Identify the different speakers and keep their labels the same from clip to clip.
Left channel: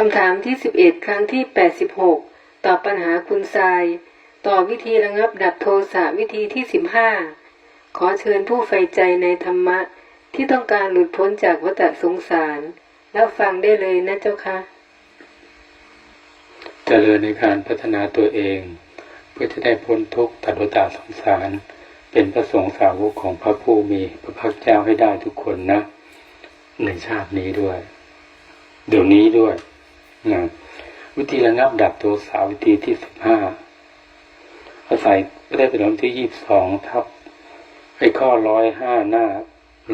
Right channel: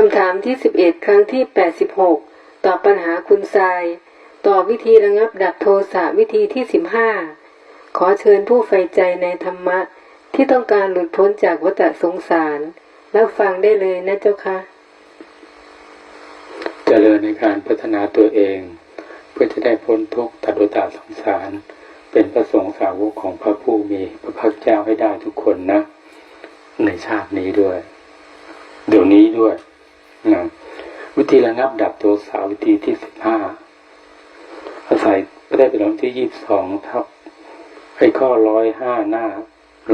Speaker 1: คำถามที่ 11 ครั้งที่ 86 ตอบปัญหาคุณทราย ตอบวิธีระงับดับโทสะวิธีที่ 15 ขอเชิญผู้ใฝ่ใจในธรรมะ ที่ต้องการหลุดพ้นจากวัฏสงสารรับฟังได้เลยนะเจ้าค่ะ
Speaker 2: เจริญในการพัฒนาตัวเอง เพื่อจะได้พ้นทุกข์ตัดวัฏสงสาร เป็นพระสงฆ์สาวกของพระผู้มีพระภาคเจ้าให้ได้ทุกคนนะ ในชาตินี้ด้วย เดี๋ยวนี้ด้วย นะวิธีระงับดับตัวสาวิธีที่สิบห้าอาศัยพระได้เป็นหลวงที่ยี่สิบสองทับไอ้ข้อร้อยห้าหน้า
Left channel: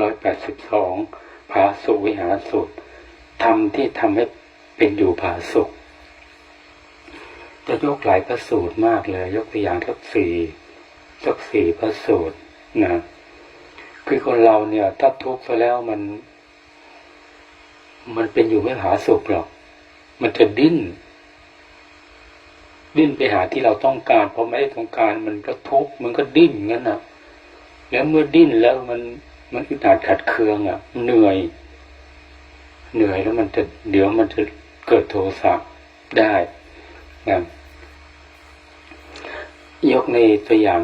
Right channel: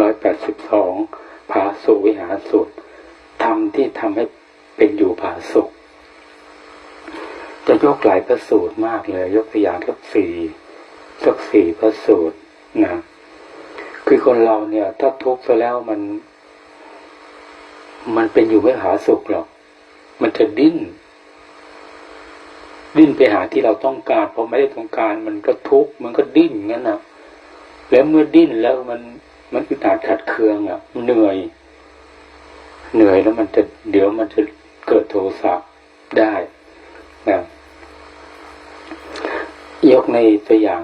Speaker 2: ร้อยแปดสิบสองผาสุวิหารสุดทำที่ทำให้เป็นอยู่ผาสุข จะยกหลายพระสูตรมากเลย ยกตัวอย่างสักสี่สักสี่พระสูตรนะคือคนเราเนี่ย ถ้าทุกข์ไปแล้วมัน มันเป็นอยู่ไม่หาสุขหรอก มันจะดิ้น ดิ้นไปหาที่เราต้องการพอไม่ได้ต้องการ มันก็ทุกข์มันก็ดิ้นงั้นนะแล้วเมื่อดิ้นแล้วมันมันอึดอัดขัดเคืองอะ เหนื่อย เหนื่อยแล้วมันจะเดี๋ยวมันจะเกิดโทสะได้นะยกในตัวอย่าง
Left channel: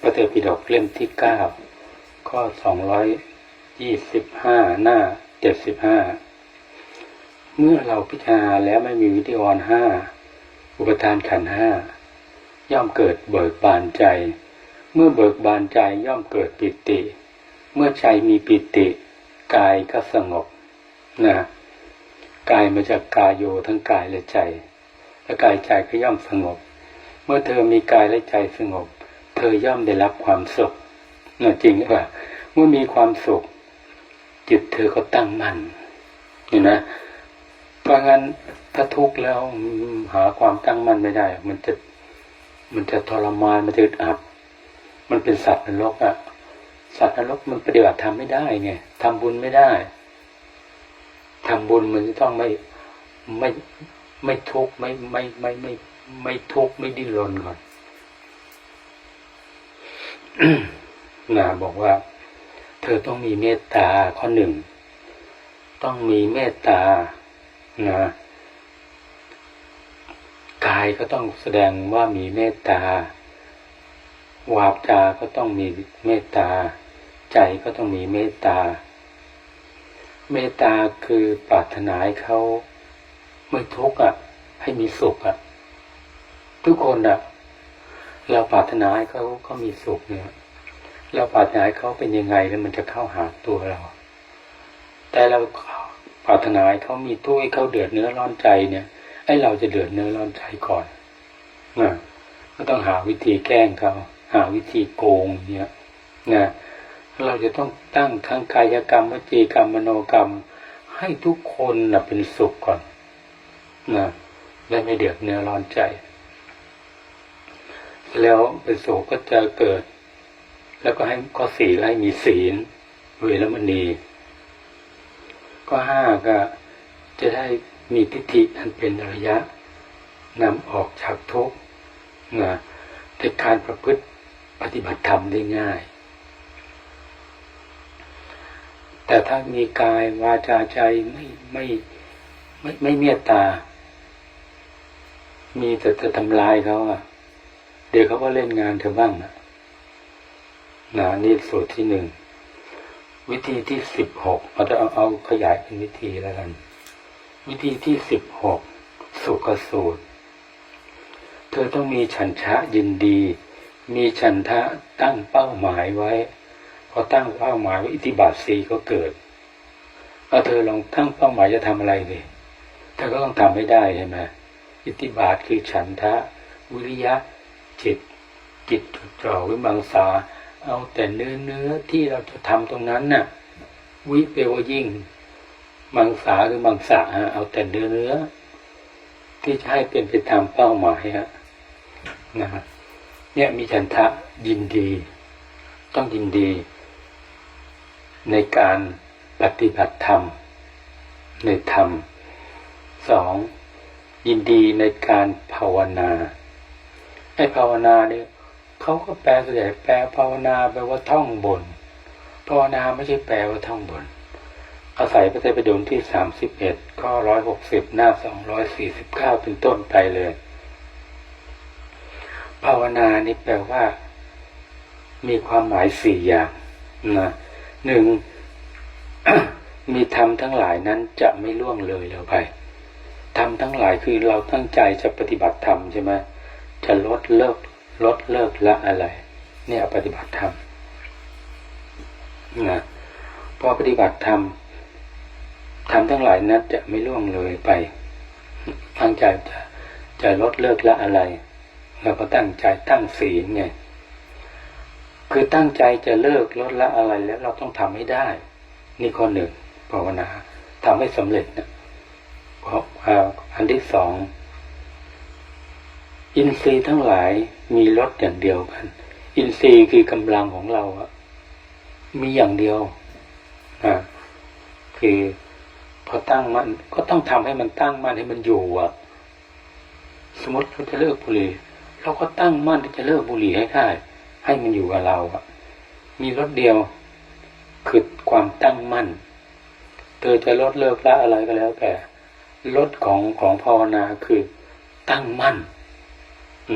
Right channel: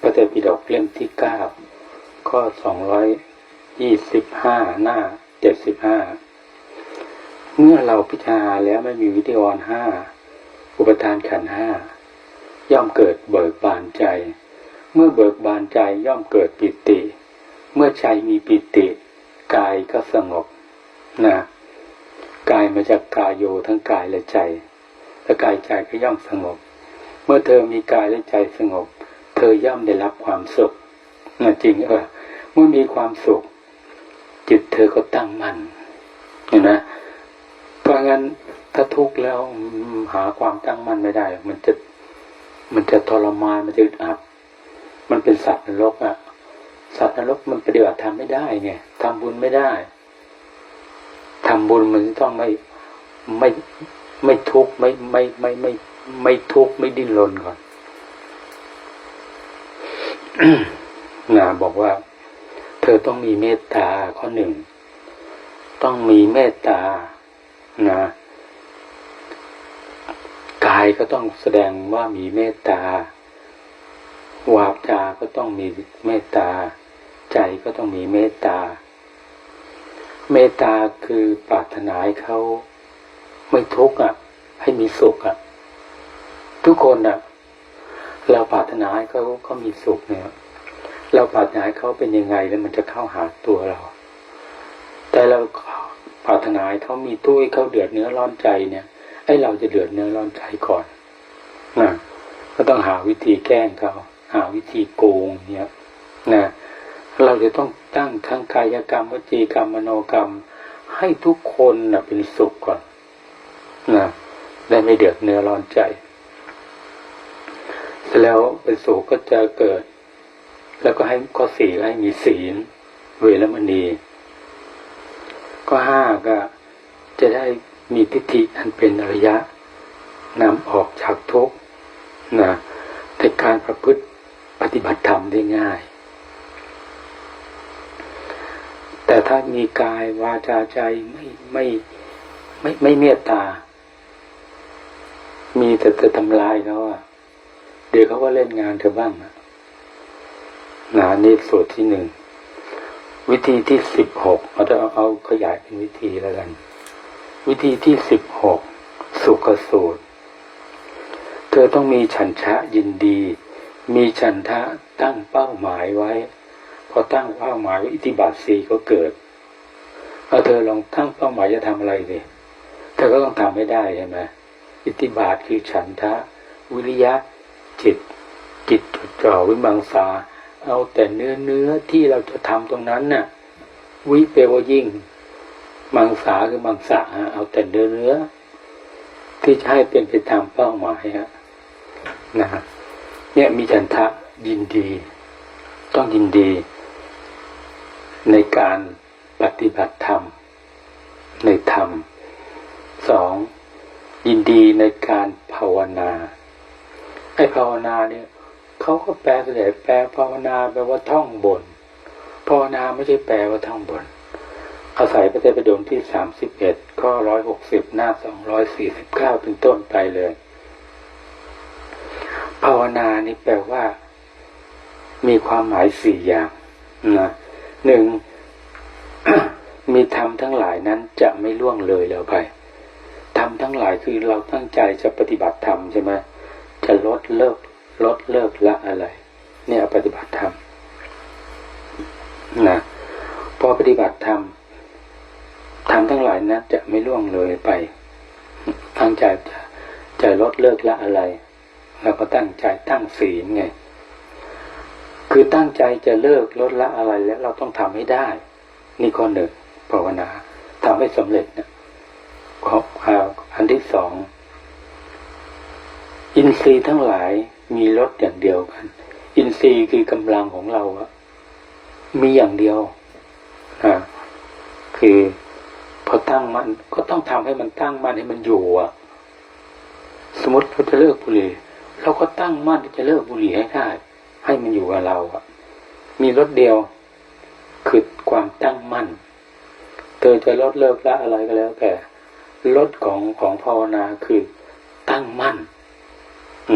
Speaker 2: พระเตปิฎกเล่มที่เก้าข้อสองร้อยยี่สิบห้าหน้าเจ็ดสิบห้า เมื่อเราพิจารณาแล้วไม่มีวิธีวรห้าอุปทานขันห้าย่อมเกิดเบิกบานใจ เมื่อเบิกบานใจย่อมเกิดปิติ เมื่อใจมีปิติกายก็สงบนะกายมาจากกายโยทั้งกายและใจและกายใจก็ย่อมสงบ เมื่อเธอมีกายและใจสงบ เธอย่อมได้รับความสุขนะจริงเออเมื่อมีความสุข จิตเธอก็ตั้งมั่นเห็นนะ พราะงั้นถ้าทุกข์แล้วหาความตั้งมั่นไม่ได้ มันจะมันจะทรมานมันจะอึดอับ มันเป็นสัตว์นรกอะสัตว์นรกมันปฏิบัติทำไม่ได้ไงทำบุญไม่ได้ทำบุญมันต้องไม่ไม่ไม่ทุกข์ไม่ไม่ไม่ไม่ไม่ทุกข์ไม่ดิ้นรนก่อนนะบอกว่า เธอต้องมีเมตตาข้อหนึ่ง ต้องมีเมตตา นะกายก็ต้องแสดงว่ามีเมตตาวาจาก็ต้องมีเมตตา ใจก็ต้องมีเมตตา เมตตาคือปรารถนาให้เขาไม่ทุกข์อะ ให้มีสุขอะ ทุกคนอะ เราปรารถนาให้เขาเขามีสุขเนี่ย เราปรารถนาให้เขาเป็นยังไงแล้วมันจะเข้าหาตัวเรา แต่เรา รารถนาให้เขามีทุกข์ให้เขาเดือดเนื้อร้อนใจเนี่ย ไอ้เราจะเดือดเนื้อร้อนใจก่อนนะก็ต้องหาวิธีแกล้งเขาหาวิธีโกงเนี่ยนะเราจะต้องตั้งทั้งกายกรรมวจีกรรมมโนกรรม ให้ทุกคนเน่ะเป็นสุขก่อนนะได้ไม่เดือดเนื้อร้อนใจเสร็จแล้วเป็นสุขก็จะเกิด แล้วก็ให้ข้อสี่ให้มีศีล เวรมณี ข้อห้าก็จะได้มีทิฏฐิอันเป็นอริยะนำออกจากทุกข์นะในการประพฤติปฏิบัติธรรมได้ง่าย แต่ถ้ามีกายวาจาใจไม่ไม่ไม่ไม่เมตตา มีแต่จะทำลายเขาอะเดี๋ยวเขาก็เล่นงานเธอบ้างนะนะนี่ส่วนที่หนึ่ง วิธีที่สิบหกเราจะเอาเอาขยายเป็นวิธีแล้วกัน วิธีที่สิบหกสุขสูตร เธอต้องมีฉันทะยินดี มีฉันทะตั้งเป้าหมายไว้ พอตั้งเป้าหมายว้อิทธิบาทสีก็เกิดเอาเธอลองตั้งเป้าหมายจะทำอะไรเลยเธอก็ต้องทำให้ได้ใช่ไหมอิทธิบาทคือฉันทะ วิริยะจิตจิตจดจ่อวิมังสา เอาแต่เนื้อเนื้อที่เราจะทำตรงนั้นน่ะวิเปวยิ่ง มังสาคือมังสาเอาแต่เนื้อเนื้อ ที่จะให้เป็นไปตามเป้าหมายฮะนะฮะเนี่ยมีฉันทะยินดี ต้องยินดี ในการปฏิบัติธรรม ในธรรมสองยินดีในการภาวนาไอ้ภาวนาเนี่ย เขาก็แปลส่วนใหญ่แปลภาวนาแปลว่าท่องบนภาวนาไม่ใช่แปลว่าท่องบน อาศัยพระไตรปิฎกที่สามสิบเอ็ดข้อร้อยหกสิบหน้าสองร้อยสี่สิบเก้าเป็นต้นไปเลย ภาวนานี่แปลว่า มีความหมายสี่อย่างนะหนึ่งมีธรรมทั้งหลายนั้นจะไม่ล่วงเลยแล้วไปธรรมทั้งหลายคือเราตั้งใจจะปฏิบัติธรรมใช่ไหมจะลดเลิก ลดเลิกละอะไร เนี่ยปฏิบัติธรรมนะพอปฏิบัติธรรมธรรมทั้งหลายนั้นจะไม่ล่วงเลยไปตั้งใจจะจะลดเลิกละอะไรเราก็ตั้งใจตั้งศีลไงคือตั้งใจจะเลิกลดละอะไรแล้วเราต้องทำให้ได้ นี่ข้อหนึ่งภาวนาทำให้สำเร็จนะข้ออันที่สองอินทรีย์ทั้งหลาย มีลดอย่างเดียวกัน อินทรีย์คือกำลังของเราอะมีอย่างเดียวนะคือพอตั้งมันก็ต้องทำให้มันตั้งมันให้มันอยู่อะสมมติเราจะเลิกบุหรี่เราก็ตั้งมั่นที่จะเลิกบุหรี่ให้ได้ให้มันอยู่กับเราอะมีรถเดียวคือความตั้งมั่นเธอจะลดเลิกละอะไรก็แล้วแต่ลดของของภาวนาคือตั้งมั่น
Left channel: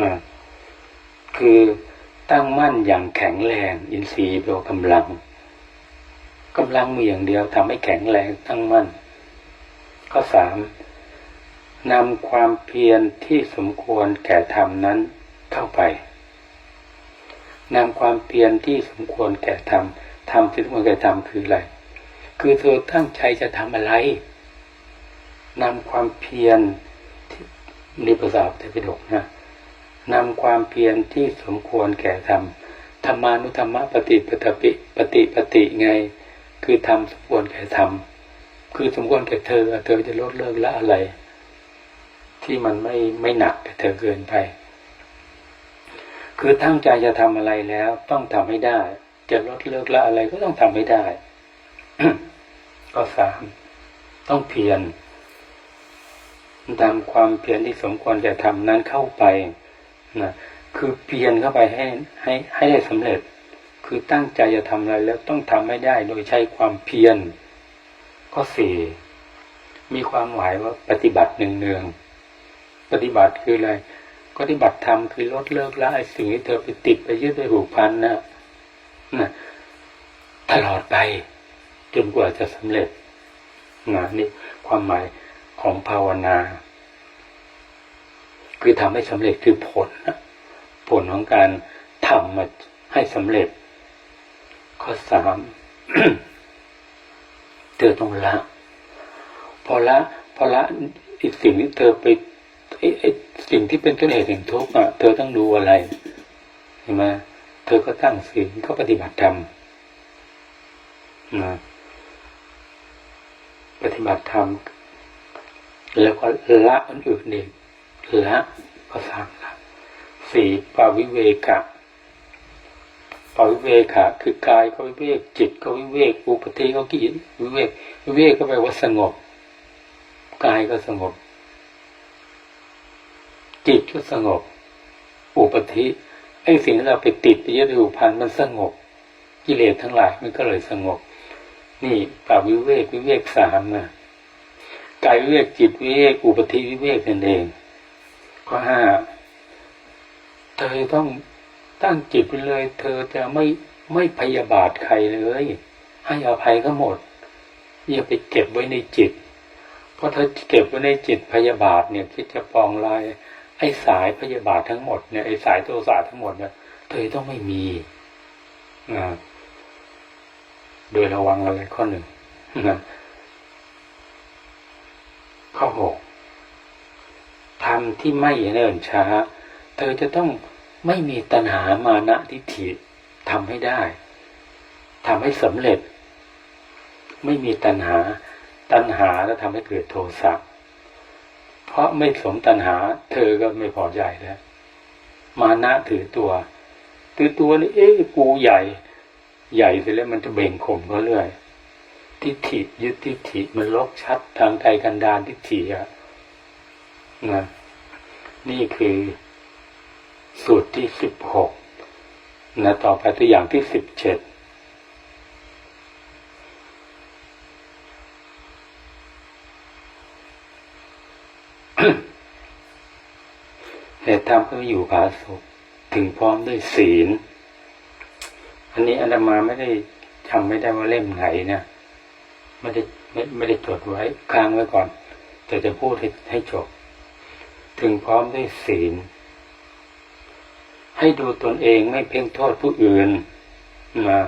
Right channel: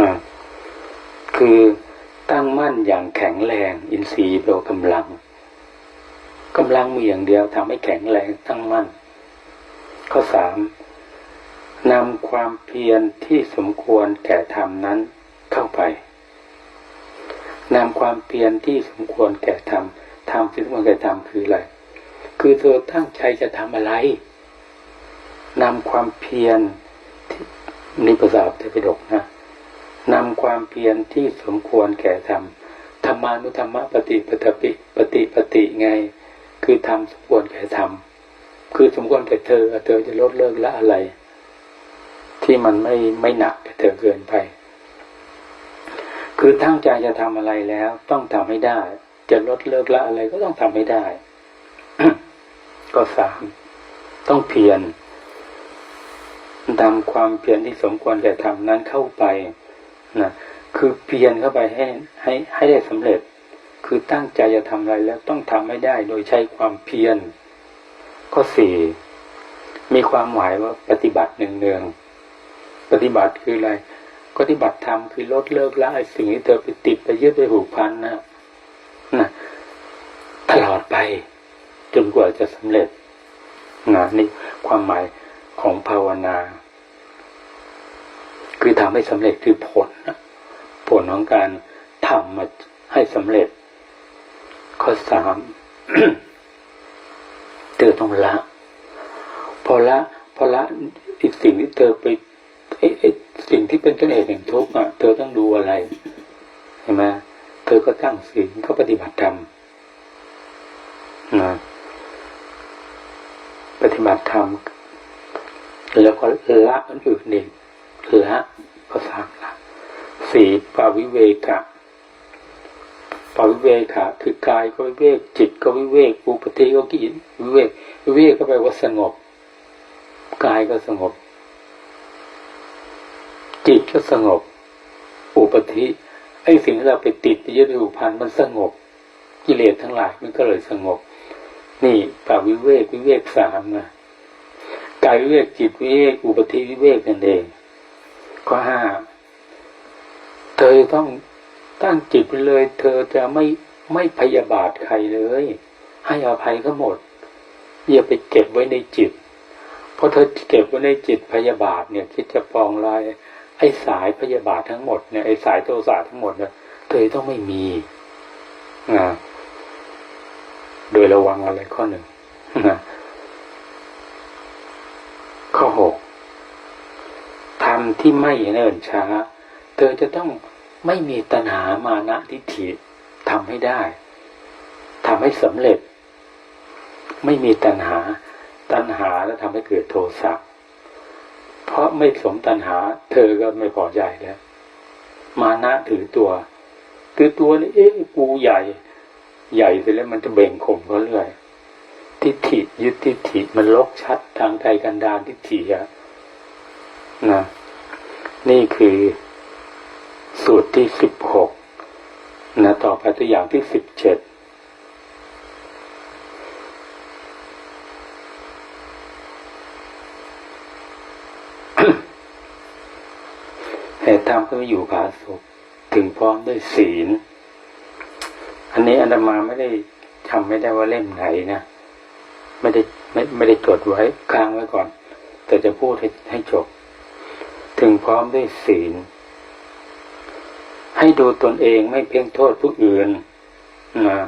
Speaker 2: นะ คือตั้งมั่นอย่างแข็งแรง อินทรีย์แปลว่ากำลังกำลังมีอย่างเดียวทำให้แข็งแรงตั้งมั่น ข้อสามนำความเพียรที่สมควรแก่ธรรมนั้นเข้าไปนำความเพียรที่สมควรแก่ธรรมธรรมที่สมควรแก่ธรรมคืออะไร คือเธอตั้งใจจะทำอะไรนำความเพียรที่นี่ภาษาพระไตรปิฎกนะ นำความเพียรที่สมควรแก่ธรรมธรรมานุธรรมปฏิปตปิปฏิปฏิไง คือทำสมควรแก่ธรรมคือสมควรแก่เธอเธอจะลดเลิกละอะไร ที่มันไม่ไม่หนักแก่เธอเกินไป คือตั้งใจจะทำอะไรแล้วต้องทำให้ได้ จะลดเลิกละอะไรก็ต้องทำให้ได้ ก็สามต้องเพียรนำความเพียรที่สมควรแก่ธรรมนั้นเข้าไป นะคือเพียรเข้าไปให้ให้ให้ได้สำเร็จ คือตั้งใจจะทำอะไรแล้วต้องทำให้ได้โดยใช้ความเพียรข้อสี่มีความหมายว่าปฏิบัติหนึ่งเนืองๆปฏิบัติคืออะไรปฏิบัติธรรมคือลดเลิกละไอ้สิ่งที่เธอไปติดไปยึดไปผูกพันนะนะตลอดไป จนกว่าจะสำเร็จนะนี่ความหมายของภาวนา คือทำให้สำเร็จคือผล ผลของการทำมาให้สำเร็จ ข้อสามเธอต้องละ พอละพอละอีกสิ่งที่เธอไปไอ้ไอ้สิ่งที่เป็นต้นเหตุแห่งทุกข์อะเธอต้องดูอะไรเห็นไหมเธอก็ตั้งศีลก็ปฏิบัติธรรมนะปฏิบัติธรรมแล้วก็ละอันอื่นเอง และก็สามละสี่ปาวิเวกะปาวิเวกะคือกายก็วิเวก จิตก็วิเวกอุปธิก็กิจวิเวกวิเวกก็แปลว่าสงบกายก็สงบ จิตก็สงบ อุปธิไอ้สิ่งที่เราไปติดไปยึดไปผูกพันมันสงบ กิเลสทั้งหลายมันก็เลยสงบ นี่ปาวิเวกวิเวกสามนะกายวิเวกจิตวิเวกอุปธิวิเวกนั่นเอง ข้อห้าเธอต้องตั้งจิตไปเลย เธอจะไม่ไม่พยาบาทใครเลย ให้อภัยก็หมด อย่าไปเก็บไว้ในจิต เพราะเธอเก็บไว้ในจิตพยาบาทเนี่ยคิดจะปองลายไอ้สายพยาบาททั้งหมดเนี่ยไอ้สายโทสะทั้งหมดเนี่ยเธอต้องไม่มีนะโดยระวังอะไรข้อหนึ่งนะข้อหก ทำที่ไม่เนิ่นช้า เธอจะต้องไม่มีตัณหามานะทิฏฐิทำให้ได้ทำให้สำเร็จ ไม่มีตัณหา ตัณหาแล้วทำให้เกิดโทสะเพราะไม่สมตัณหา เธอก็ไม่พอใจแล้ว มานะถือตัว ถือตัวนี่เอ๊ะกูใหญ่ ใหญ่เสร็จแล้วมันจะเบ่งข่มเขาเรื่อยทิฏฐิยึดทิฏฐิมันลกชัดทางไกลกันดานทิฏฐิอะ นะนี่คือสูตรที่สิบหกนะต่อไปตัวอย่างที่สิบเจ็ดเหตุธรรมก็อยู่ผาสุขถึงพร้อมด้วยศีล อันนี้อาตมาไม่ได้จำไม่ได้ว่าเล่มไหนนะไม่ได้ไม่ไม่ได้จดไว้ค้างไว้ก่อน แต่จะพูดให้ให้จบ ถึงพร้อมด้วยศีล ให้ดูตนเองไม่เพ่งโทษผู้อื่นนะ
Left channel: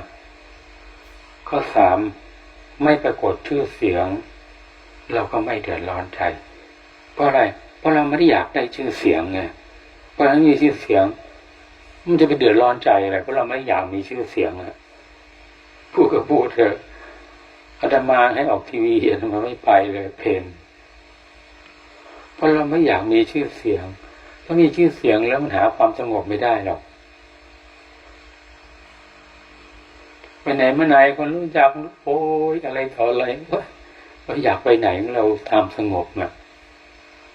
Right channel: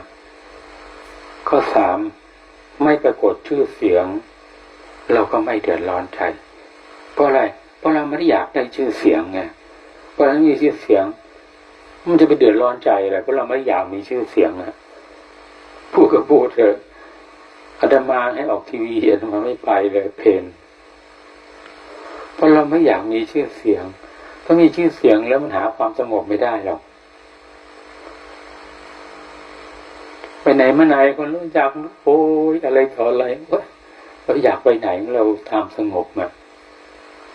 Speaker 2: ข้อสามไม่ปรากฏชื่อเสียง เราก็ไม่เดือดร้อนใจ เพราะอะไร เพราะเราไม่ได้อยากได้ชื่อเสียงไงเพราะเราม่มีชื่อเสียง มันจะไปเดือดร้อนใจอะไรเพราะเราไม่อยากมีชื่อเสียงอะพูดก็พูดเถอะอาตมาให้ออกทีวีอาตมาไม่ไปเลยเพน เพราะเราไม่อยากมีชื่อเสียงถ้ามีชื่อเสียงแล้วมันหาความสงบไม่ได้หรอกไปไหนมาไหนคนรู้จักโอ้ยอะไรต่ออะไรเราอยากไปไหนเราตามสงบนะ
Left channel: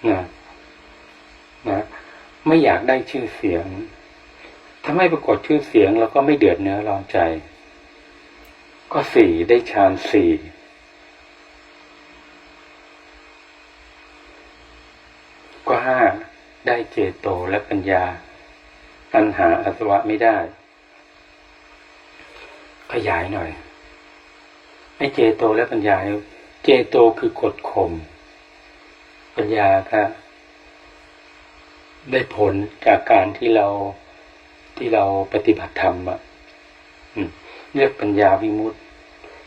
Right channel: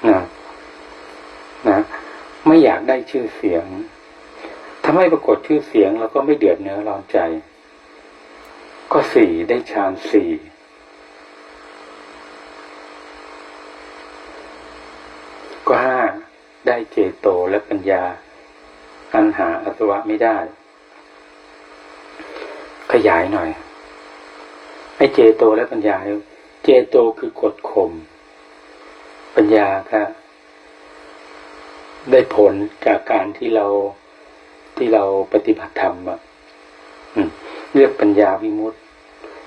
Speaker 2: นะนะไม่อยากได้ชื่อเสียง ถ้าไม่ปรากฏชื่อเสียงเราก็ไม่เดือดเนื้อร้อนใจ ก็สี่ได้ฌานสี่ ก็ห้า ได้เจโตและปัญญา อันหาอสวะไม่ได้ ขยายหน่อยไอ้เจโตและปัญญา เจโตคือกดข่มปัญญาก็ได้ผลจากการที่เราที่เราปฏิบัติธรรมอะเรียกปัญญาวิมุตติ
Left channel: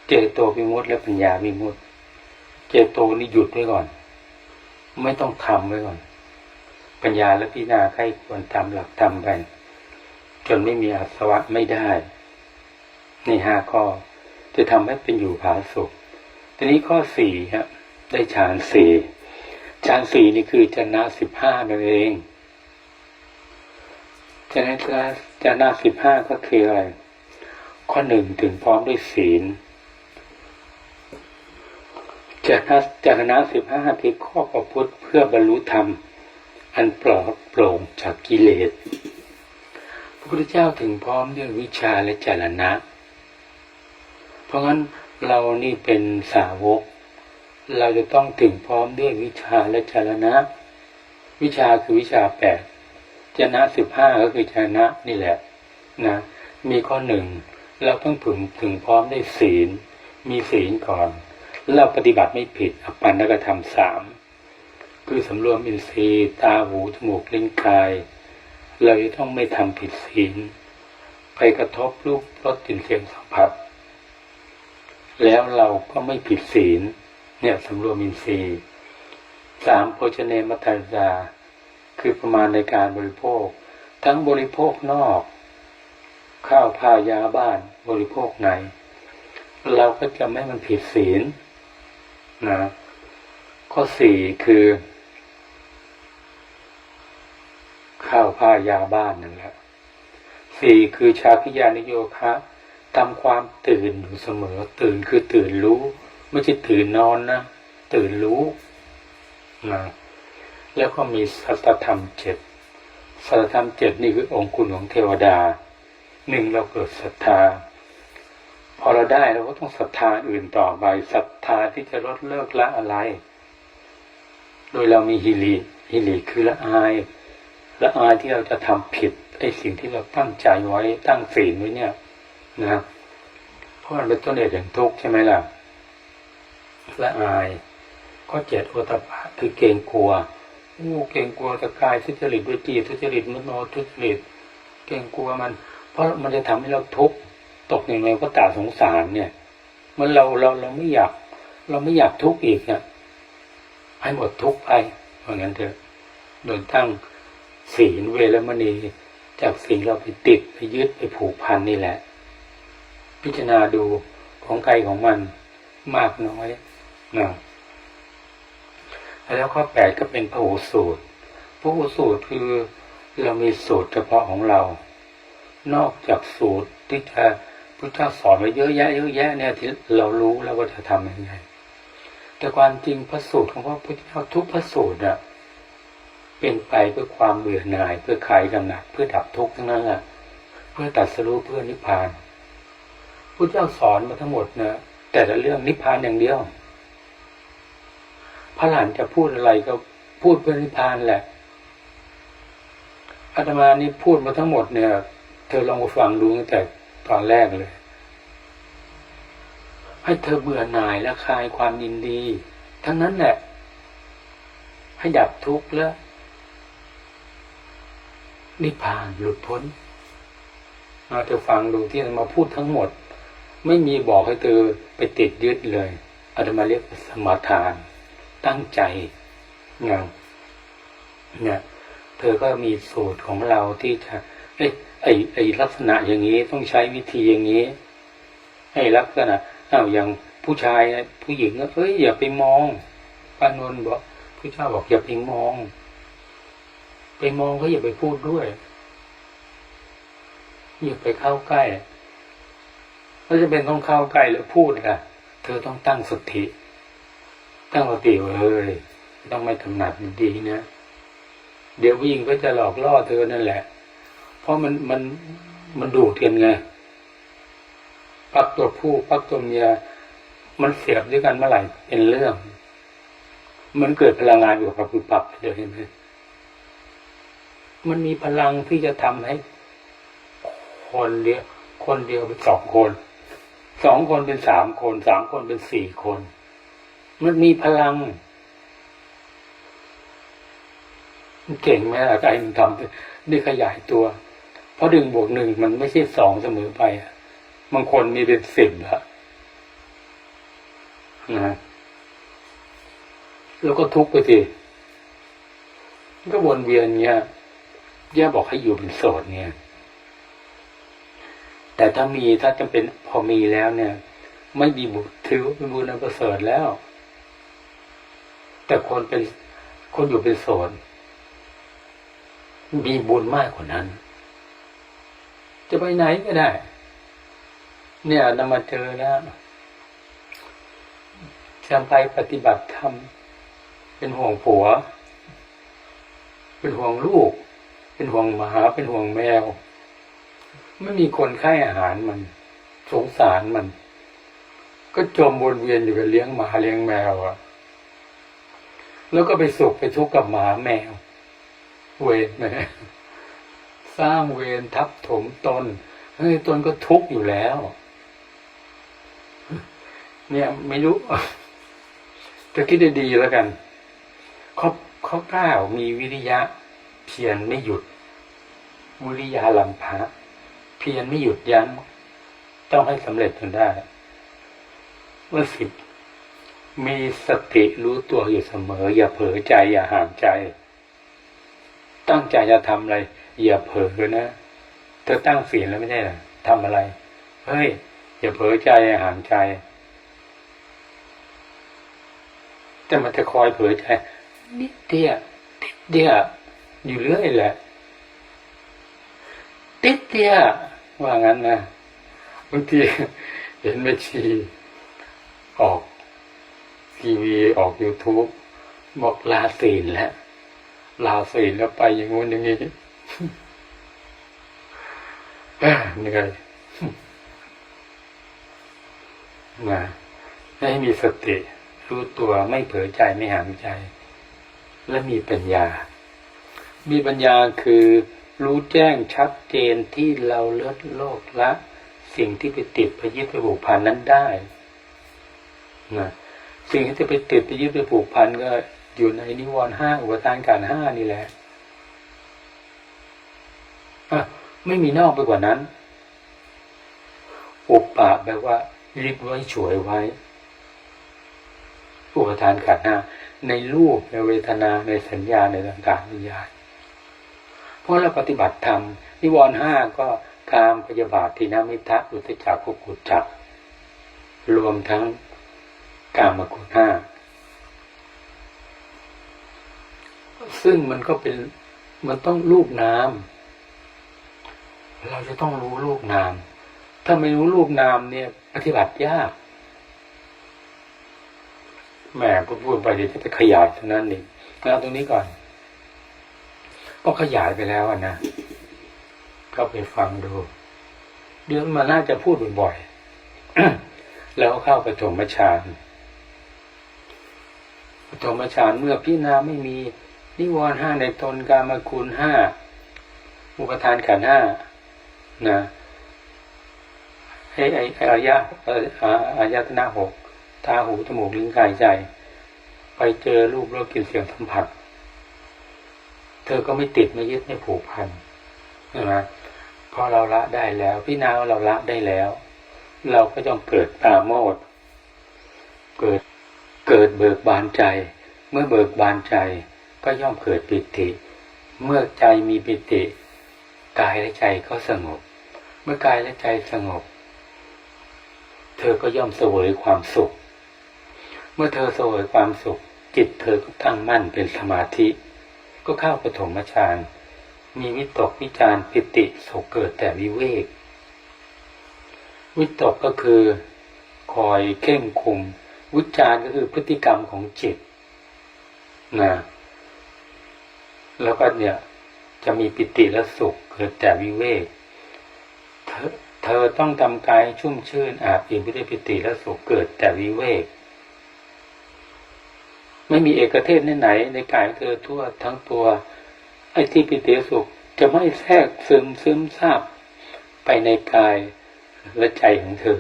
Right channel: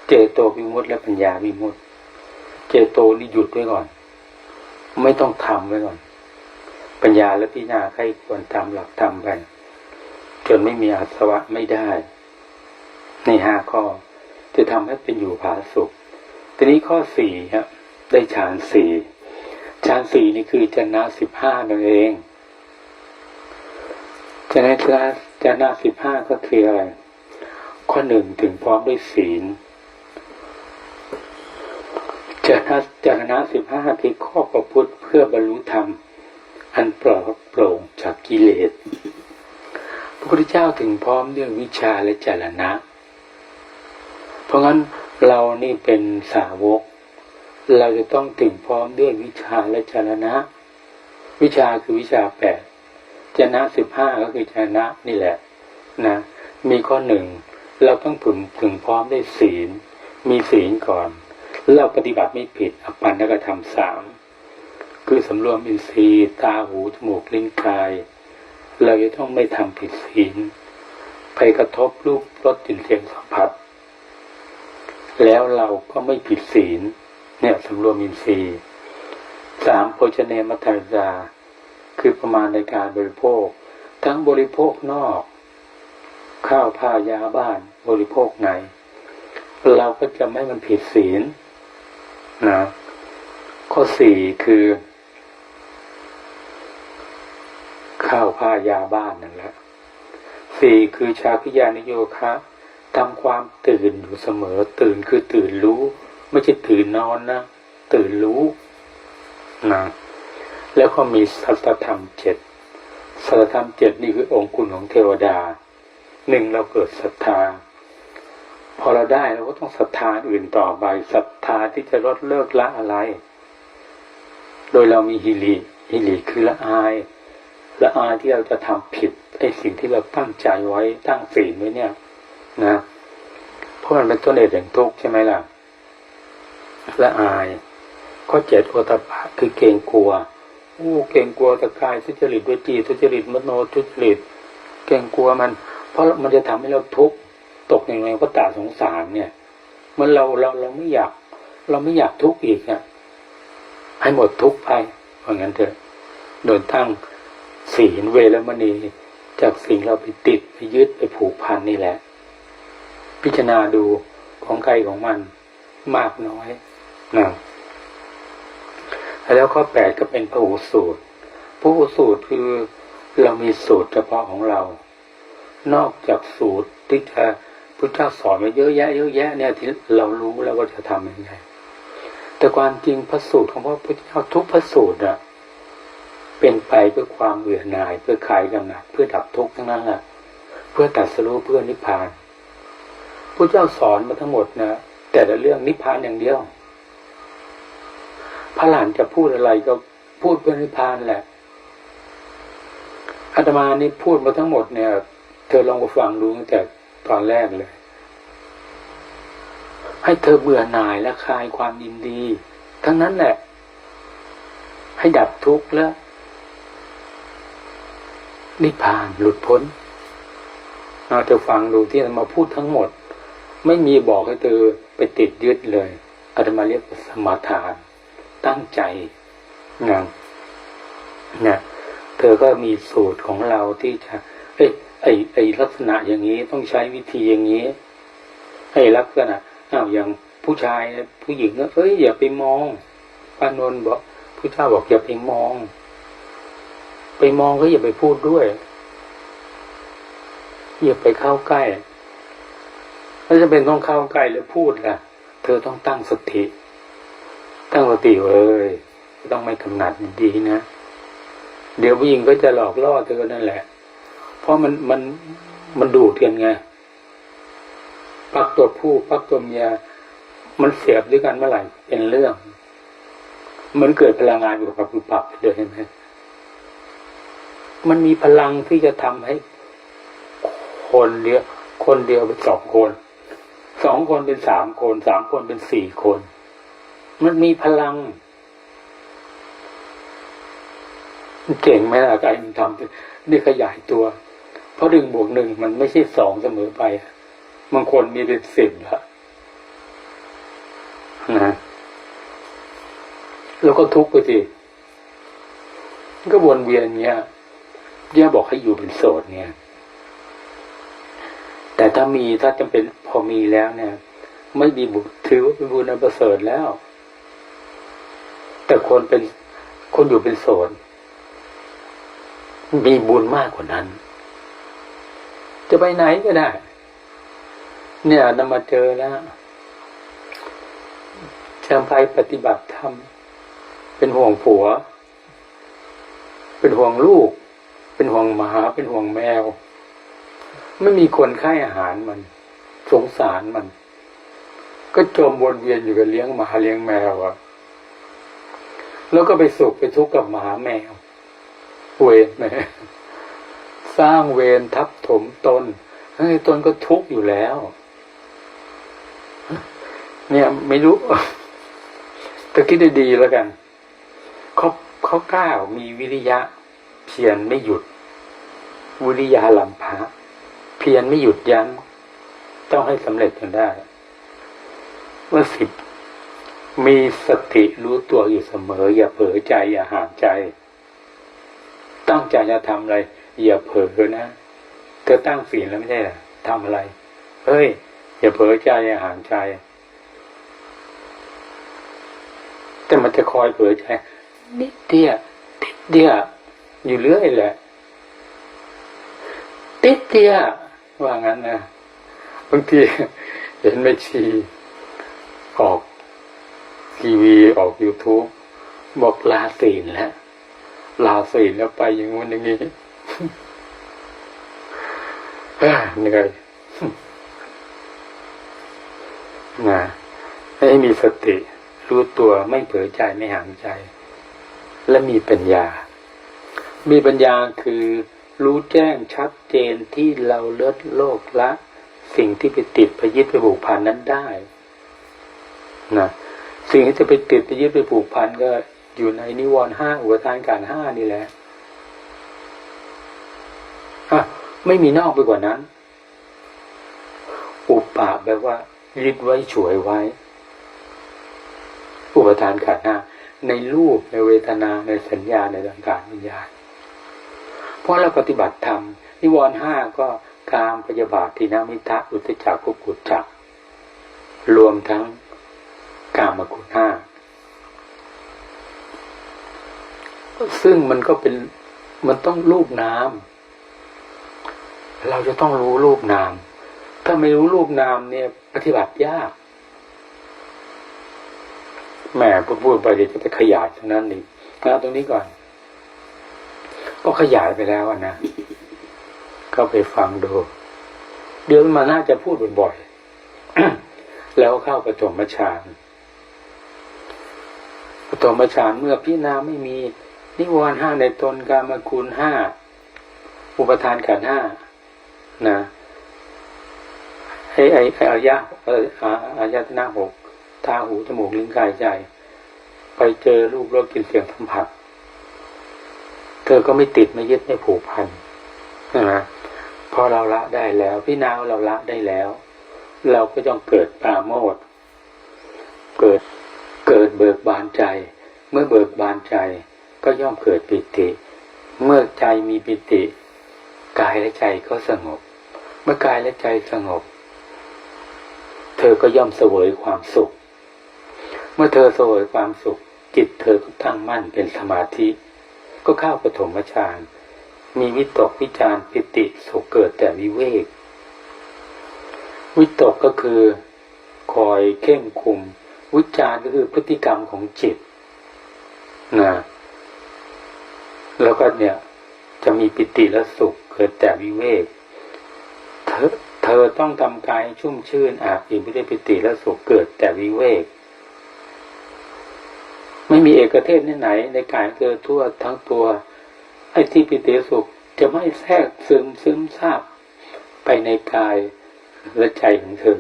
Speaker 2: เจโตวิมุตติ และปัญญาวิมุตติ เจโตนี่หยุดไว้ก่อน ไม่ต้องทำไว้ก่อน ปัญญาและพิจารณาใครควรทำหลักธรรมไปจนไม่มีอาสวะไม่ได้ ในห้าข้อจะทำให้เป็นอยู่ผาสุขทีนี้ข้อสี่ฮะได้ฌานสี่ฌานสี่นี่คือจนะสิบห้านั่นเองจนะจนะสิบห้าก็คืออะไร ข้อหนึ่งถึงพร้อมด้วยศีลจนะจนะสิบห้าคือข้อประพฤติเพื่อบรรลุธรรม อันปลอดโปร่งจากกิเลส พระพุทธเจ้าถึงพร้อมด้วยวิชาและจรณะ เพราะงั้นเรานี่เป็นสาวก เราจะต้องถึงพร้อมด้วยวิชาและจรณะ วิชาคือวิชาแปดจนะสิบห้าก็คือจรณะนี่แหละนะมีข้อหนึ่งเราต้องถึงถึงพร้อมได้ศีล มีศีลก่อน เราปฏิบัติไม่ผิดอปันนกธรรมสาม คือสำรวมอินทรีย์ตาหูจมูกลิ้นกาย เราจะต้องไม่ทำผิดศีลไปกระทบรูปรสกลิ่นเสียงสัมผัส แล้วเราก็ไม่ผิดศีล เนี่ยสำรวมอินทรีย์สามโภชเนมัตตาราคือประมาณในการบริโภค ทั้งบริโภคนอก ข้าวผ้ายาบ้านบริโภคใน เราก็จะไม่มันผิดศีลนะข้อสี่คือ ข้าวผ้ายาบ้านนั่นแหละสี่คือชาคิยานิโยคะทำความตื่นอยู่เสมอ ตื่นคือตื่นรู้ ไม่ใช่ตื่นนอนนะ ตื่นรู้นะแล้วก็มีสัตธรรมเจ็ดสัตธรรมเจ็ดนี่คือองค์คุณของเทวดาหนึ่งเราเกิดศรัทธา พอเราได้เราก็ต้องศรัทธาอื่นต่อไปศรัทธาที่จะลดเลิกละอะไร โดยเรามีฮิริฮิริคือละอาย ละอายที่เราจะทำผิดไอ้สิ่งที่เราตั้งใจไว้ตั้งศีลไว้เนี่ย นะเพราะมันเป็นต้นเหตุแห่งทุกข์ใช่ไหมล่ะละอายข้อเจ็ดโอตปะคือเกรงกลัวโอ้เกรงกลัวตะกายทุจริตด้วิจีทุจริตมโนทุจริตเกรงกลัวมัน เพราะมันจะทำให้เราทุกข์ตกในแรงก็ตาสงสารเนี่ย มันเราเราเราไม่อยาก เราไม่อยากทุกข์อีกเนี่ยให้หมดทุกข์ไปเพราะงั้นเถอะโดยตั้ง ศีลเวรมณีจากสิ่งเราไปติดไปยึดไปผูกพันนี่แหละ พิจารณาดูของใครของมันมากน้อยนะแล้วข้อแปดก็เป็นพระหูสูตรพระหูสูตรคือเรามีสูตรเฉพาะของเรา นอกจากสูตรที่จะพระเจ้าสอนไว้เยอะแยะเยอะแยะเนี่ยที่เรารู้แล้วว่าจะทำยังไงแต่ความจริงพระสูตรของพระพุทธเจ้าทุกพระสูตรอะ เป็นไปเพื่อความเบื่อหน่าย เพื่อคลายกำหนัดเพื่อดับทุกข์ทั้งนั้นแหละเพื่อตัดสรู้เพื่อนิพพานพระเจ้าสอนมาทั้งหมดนะแต่ละเรื่องนิพพานอย่างเดียว พระหลานจะพูดอะไรก็พูดเพื่อนิพพานแหละอาตมานี่พูดมาทั้งหมดเนี่ย เธอลองไปฟังดูตั้งแต่ตอนแรกเลย ให้เธอเบื่อหน่ายและคลายความยินดี ทั้งนั้นแหละ ให้ดับทุกข์แล้ว นิพพานหลุดพ้นเอาเธอฟังดูที่อาตมาพูดทั้งหมด ไม่มีบอกให้เธอไปติดยึดเลยอาตมาเรียกว่าสมาทาน ตั้งใจงานเนี่ยเธอก็มีสูตรของเราที่จะเอ้ยไอไอลักษณะอย่างนี้ต้องใช้วิธีอย่างนี้ให้ลักษณะอ้าวอย่างผู้ชายผู้หญิงก็เอ้ยอย่าไปมองปานนท์บอกผู้เจ้าบอกอย่าไปมอง ไปมองก็อย่าไปพูดด้วย อย่าไปเข้าใกล้แล้วจะเป็นต้องเข้าใกล้แล้วพูดล่ะ เธอต้องตั้งสติ ตั้งสติเอ้ยต้องไม่กำหนัดดีนะ เดี๋ยวผู้หญิงก็จะหลอกล่อเธอนั่นแหละ เพราะมันมันมันดูดกันไง ปักตัวผู้ปักตัวเมีย มันเสียบด้วยกันเมื่อไหร่เป็นเรื่อง มันเกิดพลังงานอยู่กับปุบปับไปเลยเห็นไหม มันมีพลังที่จะทำให้ คนเดียวคนเดียวเป็นสองคนสองคนเป็นสามคนสามคนเป็นสี่คน มันมีพลังเก่งไหมล่ะไอ้มันทำนี่ขยายตัว เพราะหนึ่งบวกหนึ่งมันไม่ใช่สองเสมอไปบางคนมีเป็นสิบแล้วนะแล้วก็ทุกไปสิก็วนเวียนเงี้ย ย่าบอกให้อยู่เป็นโสดเนี่ย แต่ถ้ามีถ้าจำเป็นพอมีแล้วเนี่ย ไม่มีบุญถือว่าเป็นบุญอันประเสริฐแล้ว แต่คนเป็นคนอยู่เป็นโสดมีบุญมากกว่านั้น จะไปไหนก็ได้ เนี่ยนำมาเจอแล้วจะไปปฏิบัติธรรมเป็นห่วงผัว เป็นห่วงลูก เป็นห่วงหมาเป็นห่วงแมว ไม่มีคนให้อาหารมัน สงสารมัน ก็จมวนเวียนอยู่กับเลี้ยงหมาเลี้ยงแมวอะแล้วก็ไปสุขไปทุกข์กับหมาแมว เวรไหมสร้างเวรทับถมตนเฮ้ยตนก็ทุกข์อยู่แล้ว เนี่ยไม่รู้แต่คิดได้ดีแล้วกันเขาเขากล้ามีวิริยะ เพียรไม่หยุด วิริยะลำพับเพียรไม่หยุดยั้งต้องให้สำเร็จจนได้เมื่อสิบมีสติรู้ตัวอยู่เสมอ อย่าเผลอใจ อย่าห่างใจ ตั้งใจจะทำอะไร อย่าเผลอนะเธอตั้งศีลแล้วไม่ใช่หรอทำอะไร เฮ้ย อย่าเผลอใจอย่าห่างใจ แต่มันจะคอยเผลอใจ นิดเดียวติดเดียว อยู่เรื่อยแหละ ติดเดียว่างั้นนะบางทีเห็นแม่ชีออกทีวีออก YouTube บอกลาศีลแล้วลาศีลแล้วไปอย่างงู้นอย่างนี้เหนื่อยนะให้มีสติ รู้ตัวไม่เผลอใจไม่หางใจ และมีปัญญา มีปัญญาคือรู้แจ้งชัดเจนที่เราเลิศโลกละสิ่งที่ไปติดไปยึดไปผูกพันนั้นได้นะสิ่งที่จะไปติดไปยึดไปผูกพันก็อยู่ในนิวรณ์ห้าอุปทานการห้านี่แหละอะไม่มีนอกไปกว่านั้น อุปปะแปลว่ายึดไว้ฉวยไว้ อุปทานขันห้าในรูปในเวทนาในสัญญาในสังขารวิญญาณ เพราะเราปฏิบัติธรรมนิวรณ์ห้าก็กามพยาบาททินามิทะอุตจักกุกุจจัด รวมทั้งกามกุณห้าซึ่งมันก็เป็นมันต้องรูปนาม เราจะต้องรู้รูปนาม ถ้าไม่รู้รูปนามเนี่ย ปฏิบัติยากแหมพูดพูดไปเดี๋ยวจะไปขยายตรงนั้นอีกเอาตรงนี้ก่อน ก็ขยายไปแล้วนะก็ไปฟังดูเดี๋ยวมาน่าจะพูดบ่อยๆแล้วเข้าปฐมฌานปฐมฌานเมื่อพิจารณาไม่มีนิวรณ์ห้าในตนกามคุณห้าอุปทานขันห้านะไอ้ไอ้ไอ้อายะเอ่ออาอายตนะหกตาหูจมูกลิ้นกายใจ ไปเจอรูปรสกลิ่นเสียงสัมผัส เธอก็ไม่ติดไม่ยึดไม่ผูกพันนะพอเราละได้แล้วพี่นาวเราละได้แล้ว เราก็ต้องเกิดปาโมดเกิดเกิดเบิกบานใจ เมื่อเบิกบานใจก็ย่อมเกิดปิติ เมื่อใจมีปิติ กายและใจก็สงบ เมื่อกายและใจสงบ เธอก็ย่อมเสวยความสุข เมื่อเธอเสวยความสุข จิตเธอก็ตั้งมั่นเป็นสมาธิ ก็เข้าปฐมฌานมีวิตกวิจารปิติสุขเกิดแต่วิเวก วิตกก็คือคอยเข่งคุม วิจารก็คือพฤติกรรมของจิตนะแล้วก็เนี่ยจะมีปิติและสุขเกิดแต่วิเวก เธอเธอต้องทำกายชุ่มชื่นอาบอิ่มไปด้วยปิติและสุขเกิดแต่วิเวก ไม่มีเอกเทศไหนในกายของเธอทั่วทั้งตัว ไอ้ที่ปิติสุขจะไม่แทรกซึมซึมซาบไปในกายและใจของเธอ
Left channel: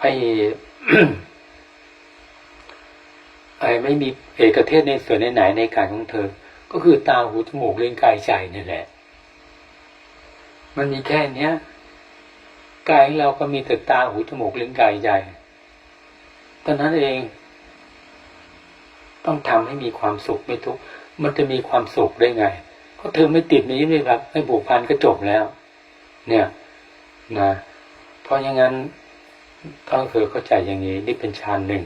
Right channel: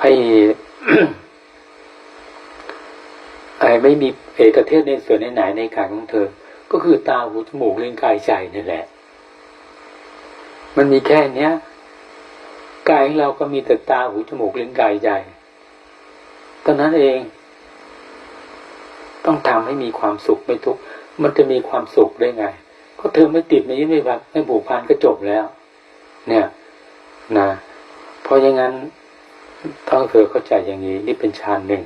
Speaker 2: ไอ้ไอ้ไม่มีเอกเทศในส่วนไหนในกายของเธอ ก็คือตาหูจมูกเล่นกายใจนี่แหละ มันมีแค่เนี้ยกายของเราก็มีแต่ตาหูจมูกเล่นกายใจตอนนั้นเอง ต้องทำให้มีความสุขไม่ทุกข์มันจะมีความสุขได้ไง ก็เธอไม่ติดไม่ยึดไม่รักไม่ผูกพันก็จบแล้ว เนี่ยนะเพราะอย่างนั้นต้องเธอเข้าใจอย่างนี้นี่เป็นฌานหนึ่ง